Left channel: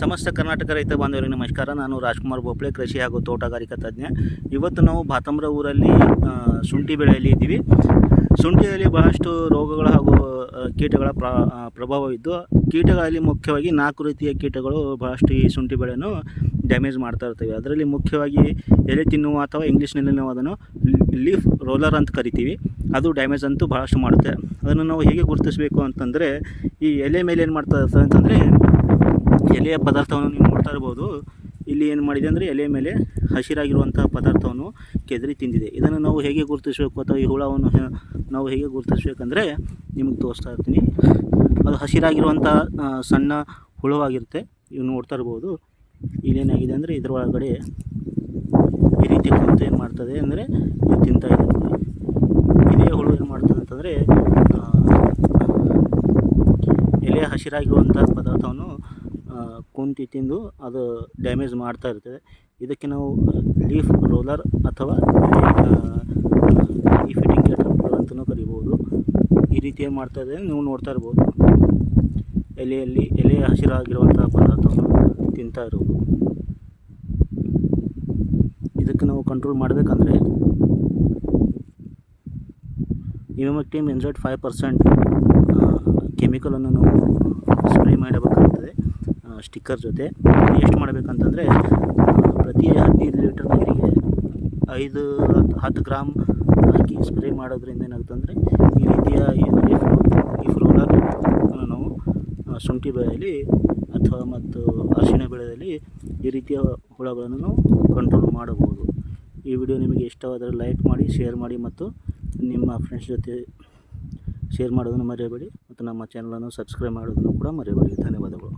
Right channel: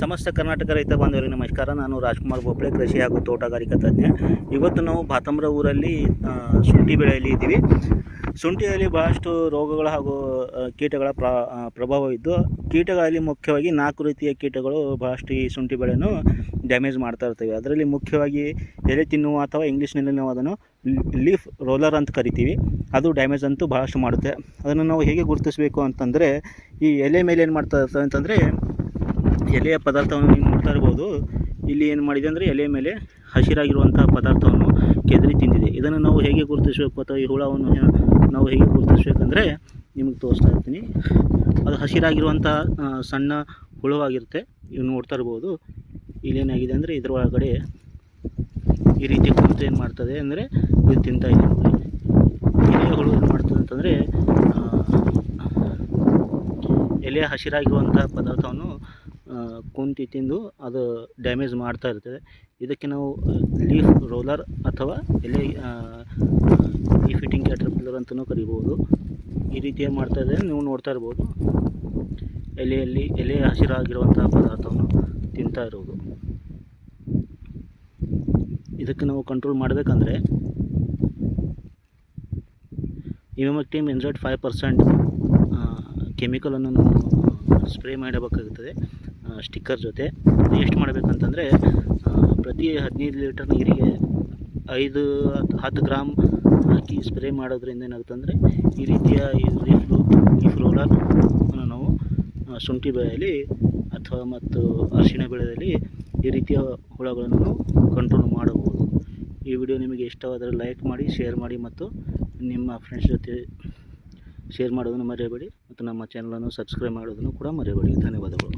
ಸಮಸ್ತ ಕರ್ನಾಟಕ ರೈತ ಬಾಂಧವರಿಗೆ ನಮಸ್ಕಾರ. ನಾನು ರಾಜ್ಕುಮಾರ್ ಬೋಪ್ಳೆ ಕೃಷಿ ಹಾಗೂ ತೋಟಗಾರಿಕಾ ತಜ್ಞ. ಇವತ್ತು ನಾವು ಭಾತಮ್ರ ಊರಲ್ಲಿ ಶುಂಠಿ ಬೆಳೆಯಲ್ಲಿ ಇದ್ದೀವಿ. ಶುಂಠಿಯಲ್ಲಿ ಬಹಳಷ್ಟು ರೋಗಗಳು ಹಾಗೂ ಕೀಟಗಳ ಪ್ರ ಪ್ರಭಾವ ಇದ್ದು ಕೀಟಗಳಲ್ಲಿ ಮುಖ್ಯವಾಗಿ ನಾಲ್ಕು ರೀತಿಯ ಕೀಟಗಳು ಬಹಳಷ್ಟು ಈ ಶುಂಠಿ ಬೆಳೆಯನ್ನು ಡ್ಯಾಮೇಜ್ ಮಾಡ್ತಾ ಇರ್ತವೆ. ಅದರಲ್ಲಿ ಮುಖ್ಯವಾಗಿ ಎಲೆ ತಿನ್ನುವ ಅಥವಾ ಇಂಗ್ಲೀಷ್ನಲ್ಲಿ ನಾವು ಅದನ್ನು ಲೀಫ್ ರೋಲರ್ ಅಂತ ಕರಿತೀವಿ. ಅದು ಡ್ಯಾಮೇಜ್ ಅಂತೂ ಭಾಳಷ್ಟು ಮಾಡುತ್ತೆ. ಅದನ್ನು ನಾವು ಹೇಗೆ ಗುರುತಿಸಬೇಕು ಅಂತಂದರೆ, ಈ ಎಲೆ ಮೇಲೆ ಏನು ಮಾಡ್ತಾ ಇರ್ತದೆ ಅಂತಂದರೆ ಎಲೆಯ ಪದಾರ್ಥವನ್ನು ನೀವು ನೋಡ್ತಾ ಇರ್ಬೋದು. ಇಲ್ಲಿ ಏನು ಮಾಡಿದೆ ಅಂದರೆ ಎಲೆ ಮೇಲೆ ಹಸಿರಾಗಿರುವಂಥ ಪದಾರ್ಥವನ್ನು ಕೆದರಿ ತಿಂದಿದೆ. ಇದನ್ನು ನಾವು ಹೇಗೆ ಗುರುತಿಸಬೇಕು ಅಥವಾ ಈ ಹುಳವನ್ನು ನಾವು ಹೇಗೆ ಗುರುತಿಸಬೇಕಂದ್ರೆ ನಿಮಗೆ ತೋರಿಸ್ತಾ ಇರ್ತೀನಿ. ಅದು ಹಸಿರಾಗಿರುವಂಥ ಸಣ್ಣ ಹುಳವಾಗಿರುತ್ತೆ. ಇವು ನೋಡ್ತಾ ಇರ್ಬೋದು. ಇಲ್ಲೇನಾಗಿದೆ ಅಂದರೆ ಇದರ ಒಳಗಡೆ ಈ ರೀತಿ ಕುರಿತು ಏನು ಮಾಡ್ತದೆ ಅಂದರೆ ಇದು ತಿಂತಾ ಇದೆ. ಎಲೆಯ ಹುಳು ಏನು ಮಾಡ್ತದೆ ಅಂತಂದರೆ ಎಲೆ ಹಸಿರಾಗಿರುವಂಥ ಪದಾರ್ಥವನ್ನು ಕುಂತಿ ತಿಂದು ಅದು ಡ್ಯಾಮೇಜ್ ಮಾಡ್ತಾ ಇರ್ತದೆ. ಇದಕ್ಕೆ ನಾವು ಲೀಫ್ ರೋಲರ್ ಅಥವಾ ಈ ಫಿಟ್ಟಿಂಗ್ ಕ್ಯಾಟರ್ಪಿಲ್ಲರ್ ಅಂತಲೂ ಕರಿಬೋದು. ಈ ರೀತಿಯ ಮಾಡ್ತಾ ಇದ್ದರೆ ನೀವು ನೋಡ್ತಾ ಇರ್ಬೋದು. ಎಲೆಯಲ್ಲಿ, ಎಲೆ ಹಸಿರಾಗಿರುವಂತಹ ಪದಾರ್ಥವನ್ನು ತಿಂತಾ ಇರೋದು. ಇದಕ್ಕೆ ನಾವು ಕಂಟ್ರೋಲ್ ಮಾಡಬೇಕಂದ್ರೆ ಇಮಿಮೆಕ್ಟಿಮ್ ಎನ್ಝೆಡ್ ಫೈವ್ ಪರ್ಸೆಂಟ್ ಕೆಮಿಕಲನ್ನು ನಾವು ಸ್ಪ್ರೇ ಮಾಡಬೇಕಾಗ್ತದೆ. ಸ್ಟಿಕ್ಕರ್ ಜೊತೆ ಎಷ್ಟು ಮಾಡಬೇಕಂತಂದರೆ ಪ್ರತಿ ಹದಿನೈದು ಲೀಟರ್ ನೀರಿಗೆ ಐದು ಹತ್ತು ಗ್ರಾಮ್ ಹಾಕಿ ಸ್ಪ್ರೇ ಮಾಡೋದ್ರಿಂದ ಏನಾಗುತ್ತೆ ಅಂದರೆ ಈ ರೀತಿಯ ಈ ಲೀಫ್ ಲೀಫ್ ರೋಲರ್ ಅನ್ನು ನಾವು ಶುಂಠಿ ಬೆಳೆಯಲ್ಲಿ ಅಥವಾ ಮತ್ತು ಅರಿಶಿಣ ಬೆಳೆಯಲ್ಲಿ ಈ ರೀತಿಯ ಹುಳಗಳನ್ನು ನಾವು ಕಂಟ್ರೋಲ್ ಮಾಡಬಹುದು. ಈ ವಿಡಿಯೋ ನಿಮಗೆ ಇಷ್ಟವಾದರೆ ಲೈಕ್ ಮಾಡಿ ಶೇರ್ ಮಾಡಿ ಮತ್ತು ನಿಮ್ಮ ಫ್ರೆಂಡ್ಸ್ ಜೊತೆ ಶೇರ್ ಮಾಡೋದನ್ನು ಮರೆಯಬೇಡಿ ಮತ್ತು ನಮ್ಮ ಚಾನಲನ್ನು ಸಬ್ಸ್ಕ್ರೈಬ್ ಮಾಡೋದನ್ನು ಕೂಡ ಮರೆಯಬೇಡಿ. ಧನ್ಯವಾದಗಳು.